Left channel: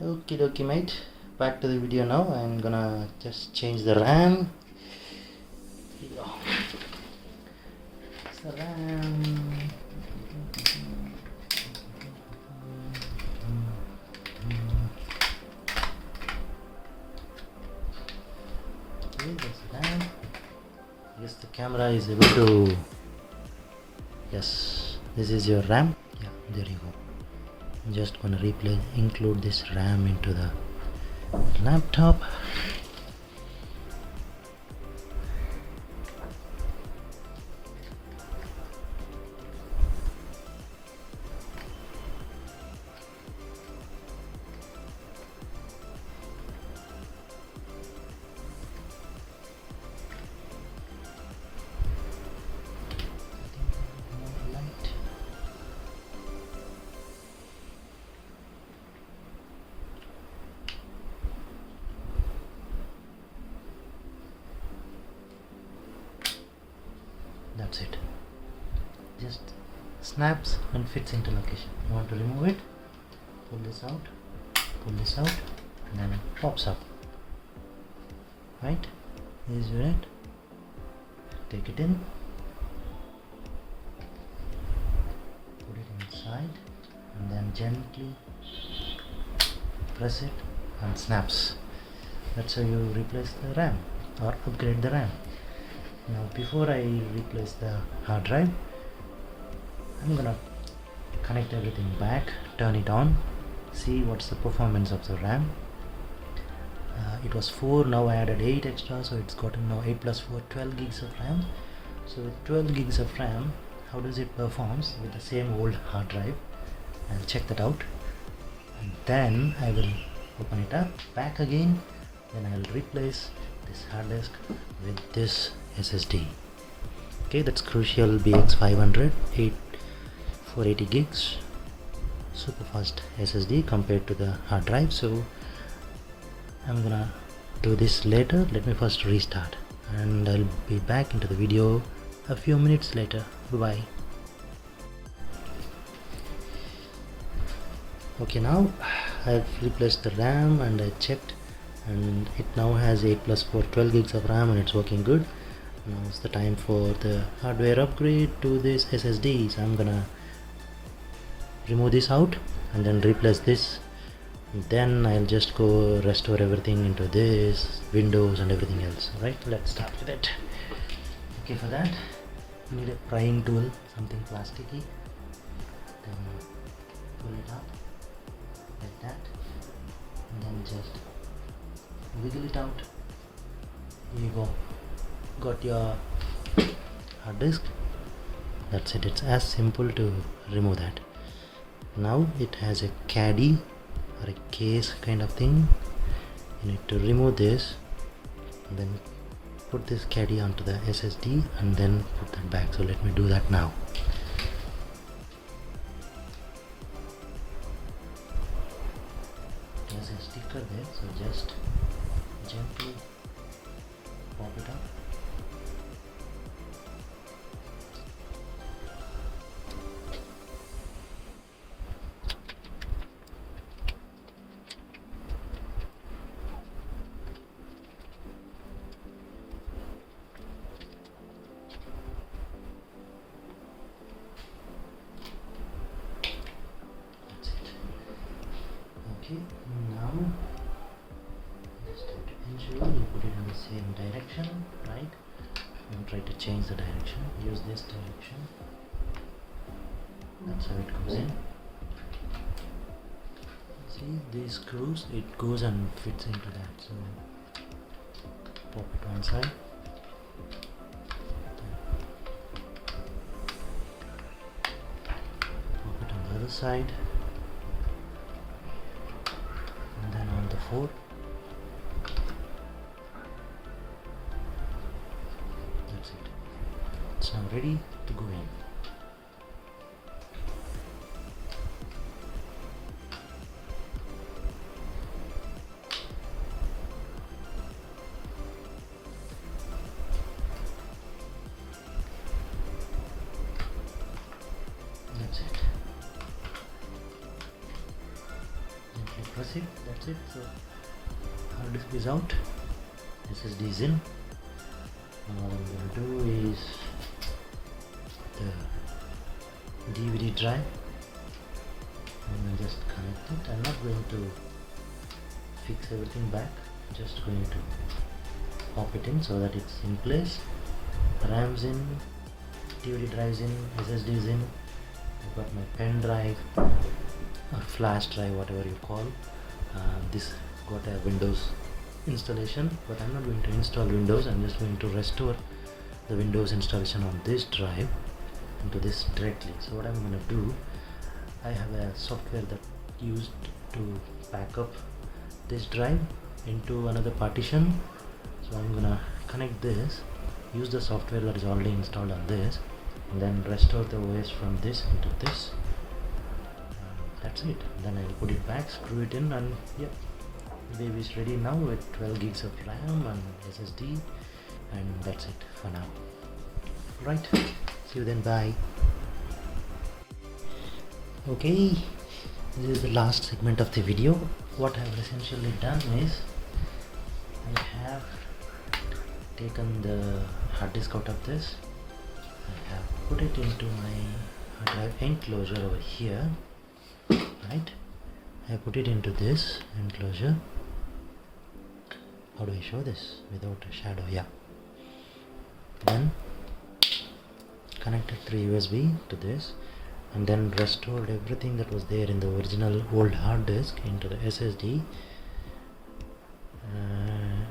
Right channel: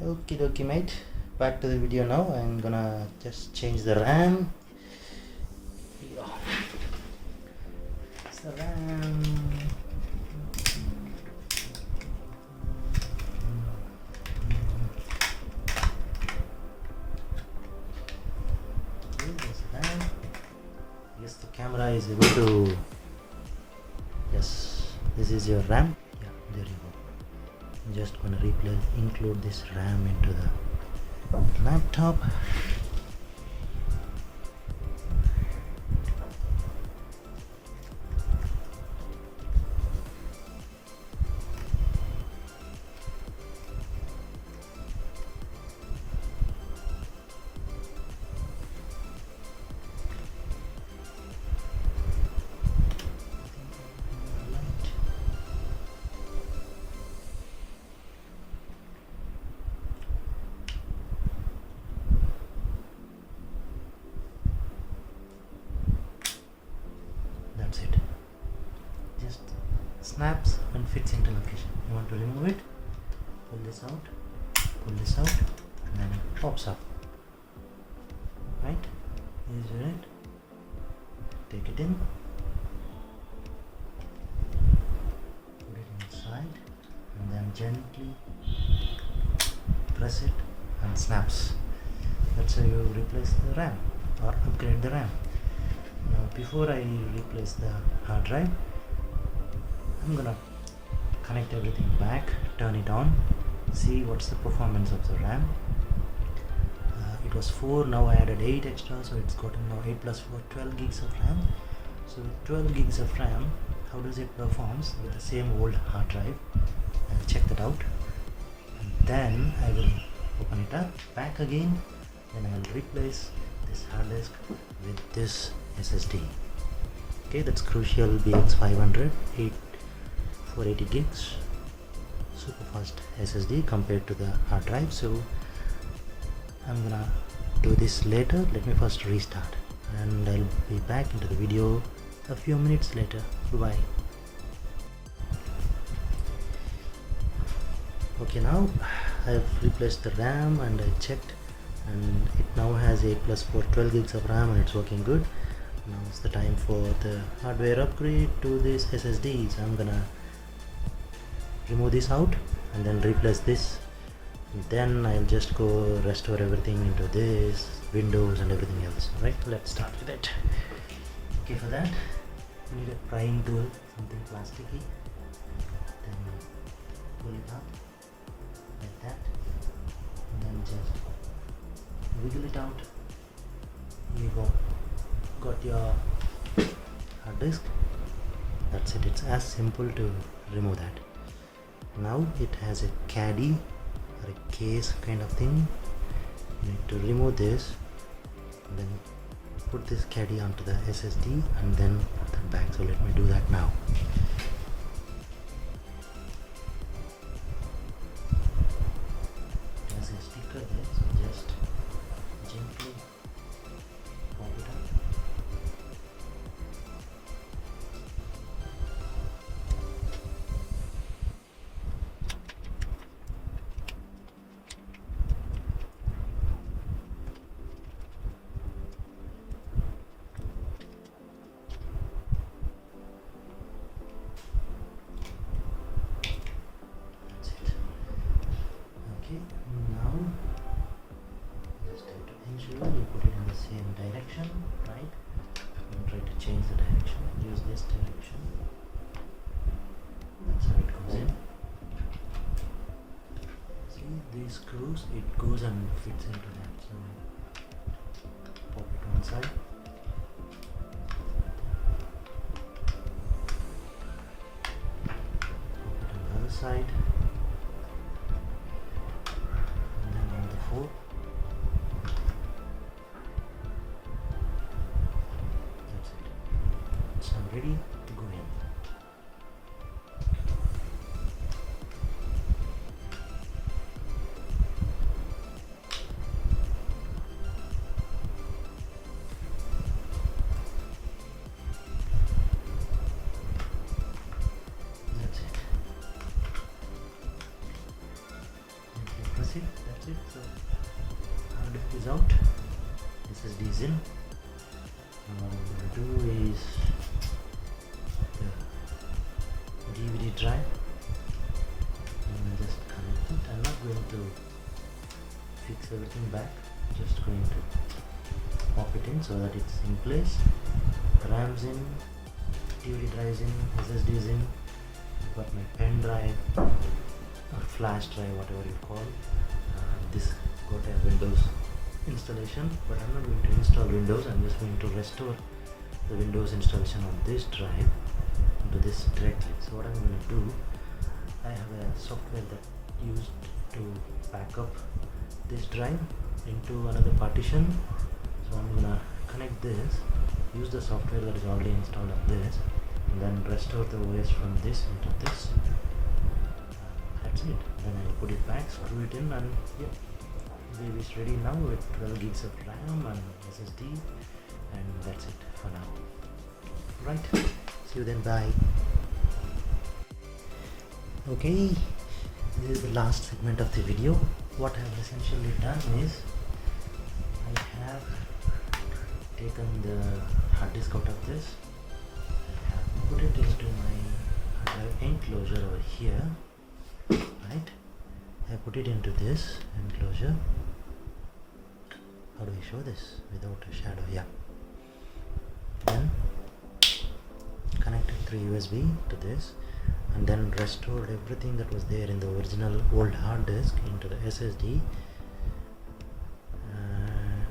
Okie dokie mate, back to the video now. I'm gonna just change the RAM. Yeah. It's the RAM. Okay, there's the RAM. Yes, the camera is able to. Yes, this is your RAM. Yeah, there you go. I'm just gonna include this RAM into the laptop. That's it. Just snaps and fits into location. You want to remove it, pull this out, and then it pops up. Right? Here's your it. Take it in, put it inside, and then gently press it and snaps. That's how you replace the RAM or upgrade the RAM. Now before I replace the hard drive, I'm gonna connect everything back, turn it on, see what's the performance of the RAM. It was 4, now I added 8 extra, so it's gotten now 8 plus 4, 12 gigs of RAM. So with 12 gigs of RAM, how does it performs with the same old hard drive? I'll check that out, and then I will open it up back again. Then I'll replace this hard disk with this SSD. Okay, that's Crucial BX500 480 gigs super fast SSD compared to the hard drive. So I'm gonna do this later. Let me first restart, and I'll be back into the video a few minutes later. Bye. Okay, now I've replaced the RAM and I checked, and it now has 8 plus 4, 12 gigs of RAM, and it's working good. Now it's the time for the hardware upgrade to this SSD. So I'm gonna remove this out and then replace this, and then I'll just go restore everything into this, Windows and everything else. Right, let's start with it. Okay, for that you need a prying tool, something plasticky. Then pull it up like that, and then just wiggle it out. Here you go, got your hard disk. That's it. It's as simple to remove that. Now it has a caddy or a case kind of thing. You need to remove this and then put this caddy onto the SSD and then put that back. So let me do that now. There's a sticker there, so just gently pop it up. Okay, now just have to ensure you put it in the same direction, right? Don't try to change the direction, use this direction. That's how it goes in. See these screws, it goes and fits into that. So pop it one side, pop it on the other side, and then on the fourth. That's it. It's now ready to go in. That's it. Gently that's it. So hard disk is out, SSD is in. Now what I'm going to do is the DVD drive, and just connect it. I'm not going to fix everything back, just going to pop it in so that it's in place. RAM's in, DVD drive's in, SSD is in. I've got my pen drive or flash drive, whatever you call. This got a Windows installation, but I'm not going to install Windows. I'm just going to restore the Windows installation on this drive into this directly. So what I'm going to do, I have a software that used to back up this drive into another partition. So I'm going to connect this, use the software that is already installed on this, and then restore the OS from this into this. That's it. Then I'll put it back, screw it in, and yeah, baby is ready now with 12 gigs of RAM and SSD, and that's it for now. Right, see you then, bye. Okay, this is the last segment of the video. What I've essentially done is I have taken the hard disk out of this. I have put it into my drive enclosure over here. Right, I put it into this enclosure. How do I show this without a shadow? Yeah. Then connected through USB to this, and then restored everything that was there in the original old hard disk into the SSD,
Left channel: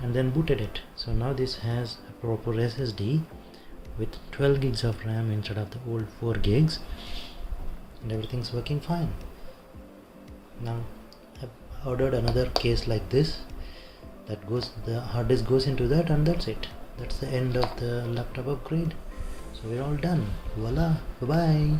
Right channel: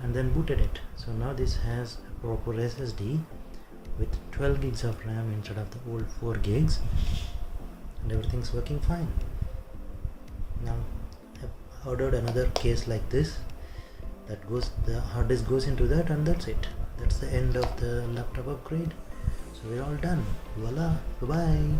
and then booted it. So now this has a proper SSD with 12 gigs of RAM instead of the old 4 gigs, and everything's working fine. Now I've ordered another case like this that goes, the hard disk goes into that, and that's it. That's the end of the laptop upgrade. So we're all done. Voila, bye bye.